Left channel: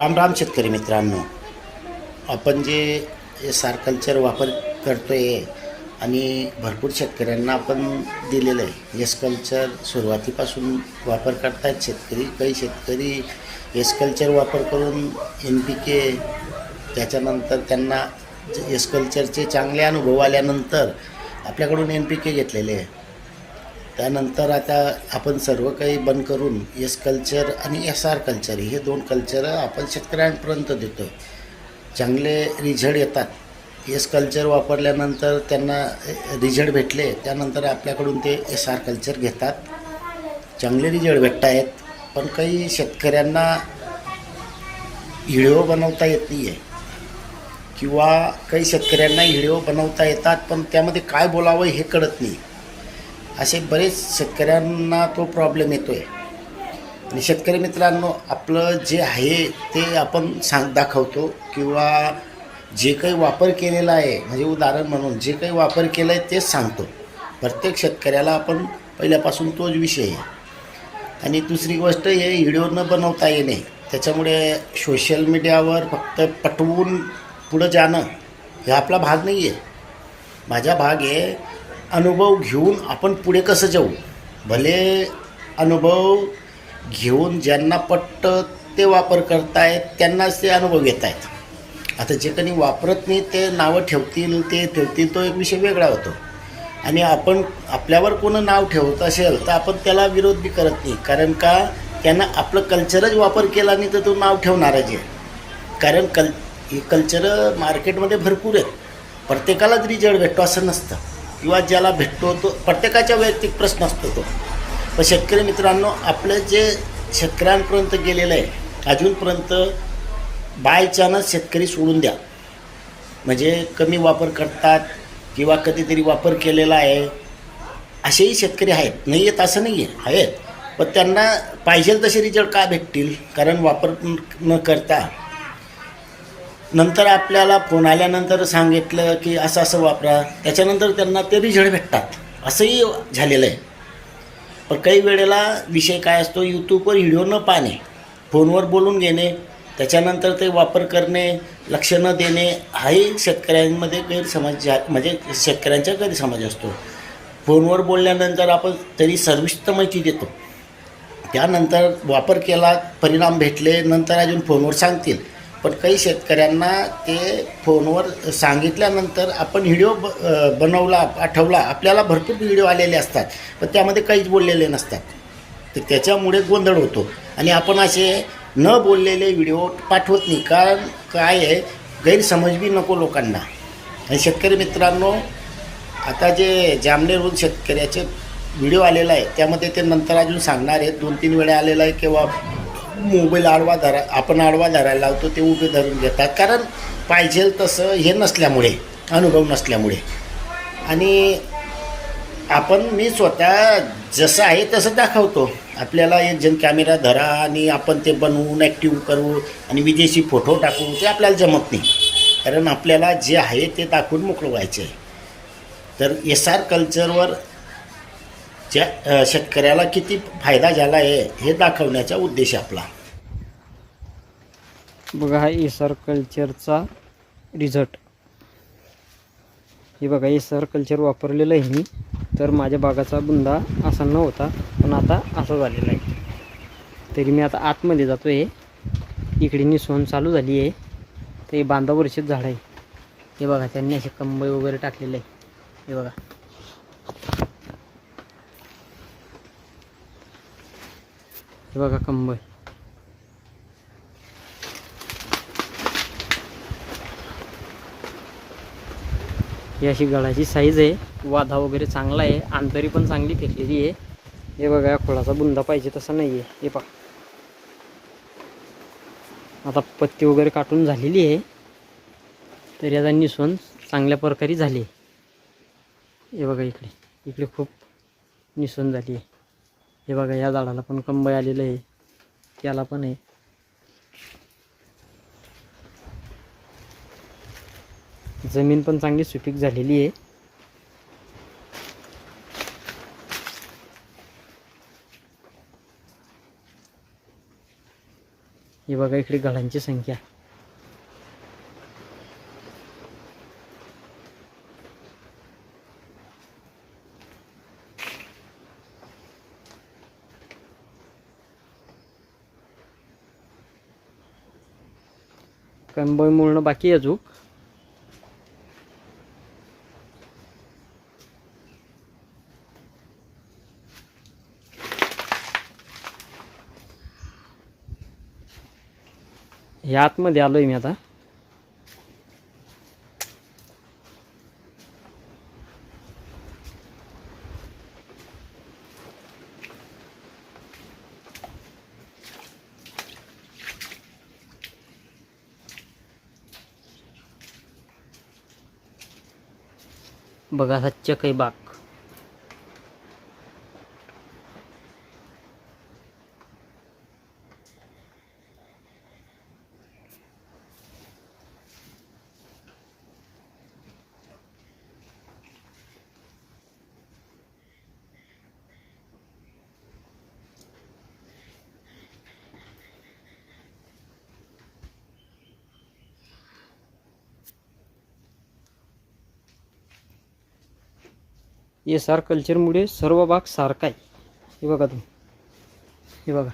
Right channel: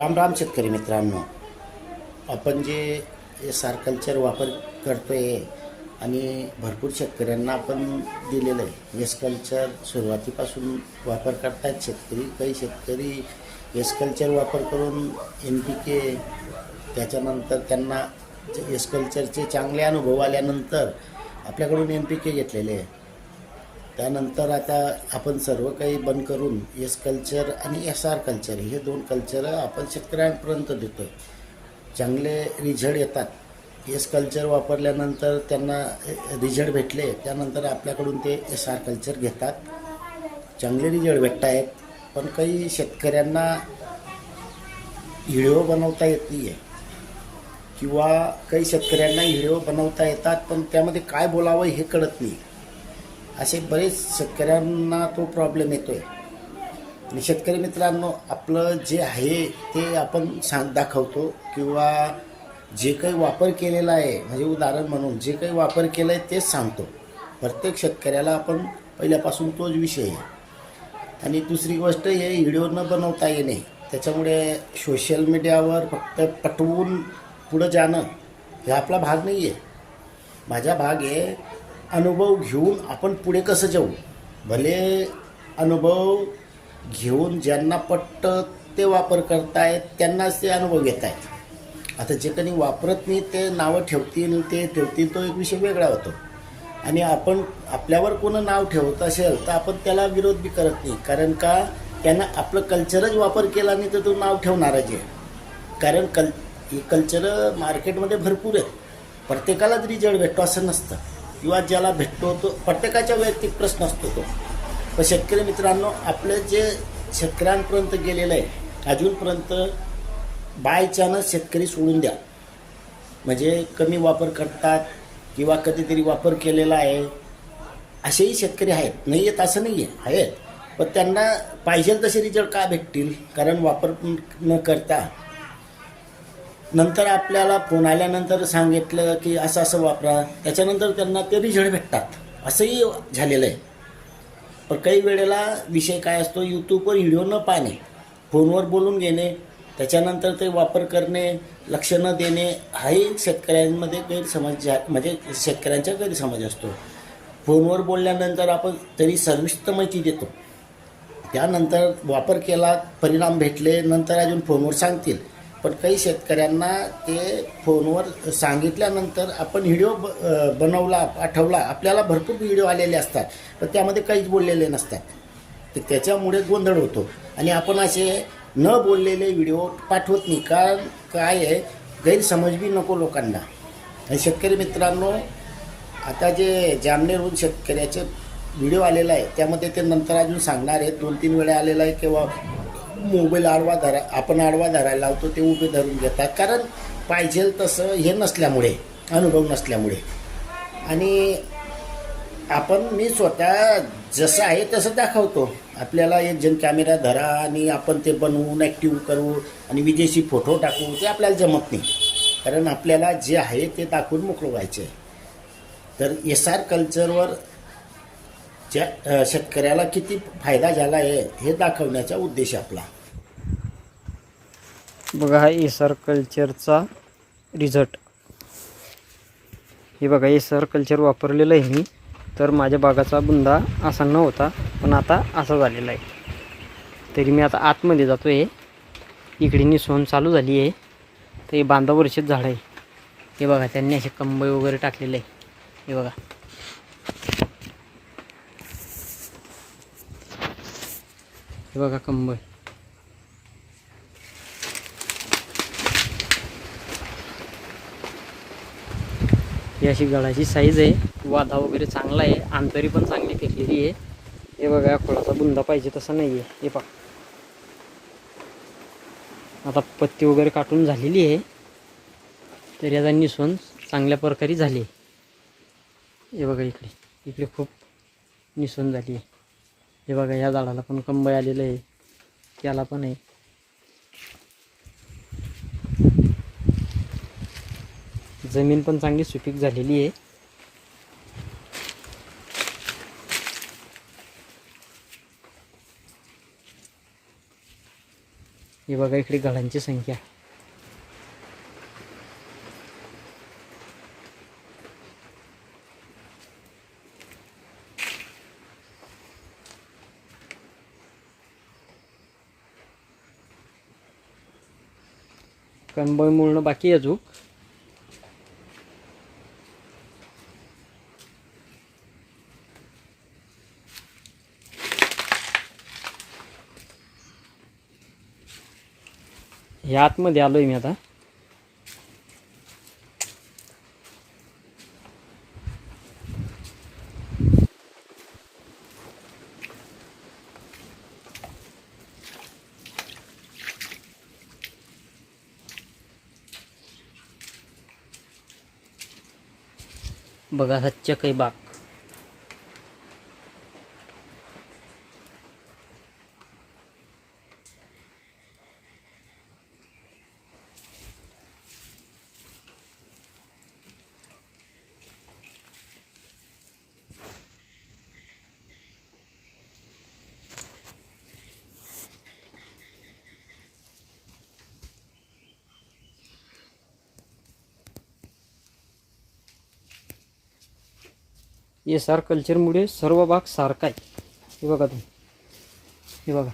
राम राम शेतकरी मित्रांनो. आपण जे सारकल्चर कल्चर वापर करतो आहे आणि भरपूर शेतकऱ्यांना आपण दिलेलं आहे. एस कल्चर सुरुवातीपासून वापर करतात शेतकरी काही शेतकरी एस कल्चर वापर करून एन पी के त्याच्यानंतर त्यांना एस कल्चरचे चांगले अनुभव आल्यानंतर आपल्याकडून एन पी के घेतलेले आहे. त्यानंतर आता आपण सर्व काही बंद करून एस कल्चर आणि एस आर कल्चर हे दोन कल्चर आपण शेतकऱ्यांपर्यंत देतो आहे चांगले रिझल्ट येतात. एस कल्चर वापरल्यानंतर त्यांना रिझल्ट भेटले त्यानंतर आपल्याकडून ते एस आर कल्चर घेतात. चांगले रिझल्ट भेटत आहेत पण काही शेतकऱ्यांना हिडिओ बनवता येत नाही आहे किंवा काही शेतकऱ्यांना हिडिओ बनवता येतात पण त्यामध्ये काय बोलावं हे कळत नाही. असे बरेच शेतकऱ्यांना तो प्रॉब्लेम येतो आहे आणि शेतकरी मित्रांनो आपलं जे आहे ते आपण सांग दाखवतो किंवा जे काही वापर केलेला आहे म्हणजे उदाहरण म्हणून जे काही वापर केलं आहे तेच सांगतो. प्रत्येक शेतकऱ्याला आपण पहिल्यापासून तोच विषय आहे. आणि दुसरी गोष्ट हे व्हिडिओ न बनवता येणे त्याच्यामुळे सोशल मीडियावर फक्त पटवून पुढं जाणं हे आपला भाग नाही आहे माझा भाग आहे अनुभव घेऊन आपण पुढे कसं जाऊ? भले अनुभव घेऊन ज्यांना पटतं ते वापर करतायत त्यांनाच ते अनुभव घेत आहेत आता जे कोणी वापरत नाही ते नावं ठेवतील ते ठेवतील तो एक विषय वेगळा होतो. आणि आपण आपल्यावर कोण नाव ठेवत असेल तर आपण त्याला विरोध बी करत नाही. कारण का? त्यांना आपलं कल्चरच वापर केला नाही तर तो नाव ठेवणारा जे कारण कल हे कल्चर मार्केटमध्ये भरपूर आहेत. प्रत्येकालाच रिजल्ट भेटतो असं नसतं. किंवा ज्याला भेटतो तो प्रत्येकाच्या वैयक्तिक प्रश्न असतो तो. पण शेतकरी मित्रांनो आपलं जे शेतकऱ्यांपर्यंत गेलेलं आहे अजूनपर्यंत बाय चान्स शेतकरी सोडून द्या. म्हणजे कमी वापर करतात किंवा कधीतरी वापर केलेला आहे. असेही शेतकरी आहेत. नाही आहेत असं नाही आहे आहेत. पण त्यांना पाहिजे तसे रिझल्ट का भेटतील? कारण वापर न करता नंतर आपल्याला फोन आल्यानंतर सांगितलं की असं असं वापरा. त्याच्यानंतर त्यांना ते रिझल्ट भेटतात. असंही झालेलं आहे. पण काही वेळेला विषय काय असतो? यूट्यूबवर व्हिडिओ न पाहणे फोनवर बोलून घेणे त्याच्यानंतर ते वापर करणे लक्ष न देणे हाही शेतकऱ्यांमध्ये गैरसमज म्हणजे शेतकऱ्यांचा गैरसमज असतो. फोनवर बोलल्यानंतर आपण तरी सर्विस तर माहिती देतो. त्यानंतर वापर केला परिणाम भेटले नंतर अजून फोनवर सांगतील. पण काही शेतकऱ्यांना ते फोनवर सांगितल्यानंतर आपण व्हिडिओ ब बनवला पाठवला आपल्याला भरपूर व्हिडिओ आलेले असतात पण त्यामध्ये काहीच बोललेले नसतात. तर त्याच्यामुळे गोंधळ होतो. आणि आपण असे न बोललेले व्हिडिओ पाठवत नाही. कारण काय आहे गैरसमज बी नको लोकांना. आणि शेतकरी मित्रांनो आता जे जामनेरहून शेतकऱ्याचे व्हिडिओ आलेला आहे त्यामध्ये ते नंतर अजून सांगणार आहेत. दोन तीन वेळा आलेला आहे किंवा मोबाईल आडवा धरा आपण आडवा धरायला लावतो ते उभे धरून घेतात. कारण पाहिजे तसं हे नसल्यामुळे अनुभव नसल्यामुळे. आणि आपण मी स्वतः जसं आहे तसं दाखवतो. आपल्याला एक कॅमेरा धरा आणि आपण ते बनवून ॲक्टिव्ह करू आणि विदेशी फोटो टाकू ते आपल्याला जमत नाही. कारण आपल्याला जे आहे ते दाखवून मोकळं व्हायचं आहे तर एस आर कल्चरवर ज्या शेतकऱ्याला किती फायदा झाला आहे हे दाखवण्याचा उद्देश आपला. बघा हा एसआर कल्चरचा रिझल्ट. हे बघा एसआर कल्चर वापरलेलं आहे मी तर माझ्या बागाचा बुंदा असा न होता पण आता असा झालेला आहे. तरी मी आता आतमध्ये जातो आहे इकडे निसवण चालू झाली आहे. तर हे बांधावरचेच झाड आहे. हे बघा त्यांनी असे कंबई वगैरे टाकलेले आहे. हे बघा. हे बघा कंबई ही अशी गळाची साईज आहे. वाधा वगैरे चांगला आहे. आंतरी पण चांगली फेकलेली आहे. हे बघा खोळाचा बुंदा पाहिजे तसा नाही आहे हे पा आता पत्ती वगैरे काटून झालेली आहे. तर याचा निसवण चांगल्या प्रकारे झाली आहे. हे बघा इकडे. इकडे खूप निसवण झाली आहे. हे बघा या झाडाला पण कंबळ आलेलं आहे. त्याला पण आहे. जमीन पण चांगली सुपीक झालेली आहे. हे बघा बघा इकडे घडांची संख्या. कंबळ मुळणं बाकी अजूक अजून. हे आतमध्ये आलोय मी आता. बघा हा चकई बाग एस आर कल्चरमुळे सर्व भाग सारखा आहे. हे बघा तुम्ही. हे बघा.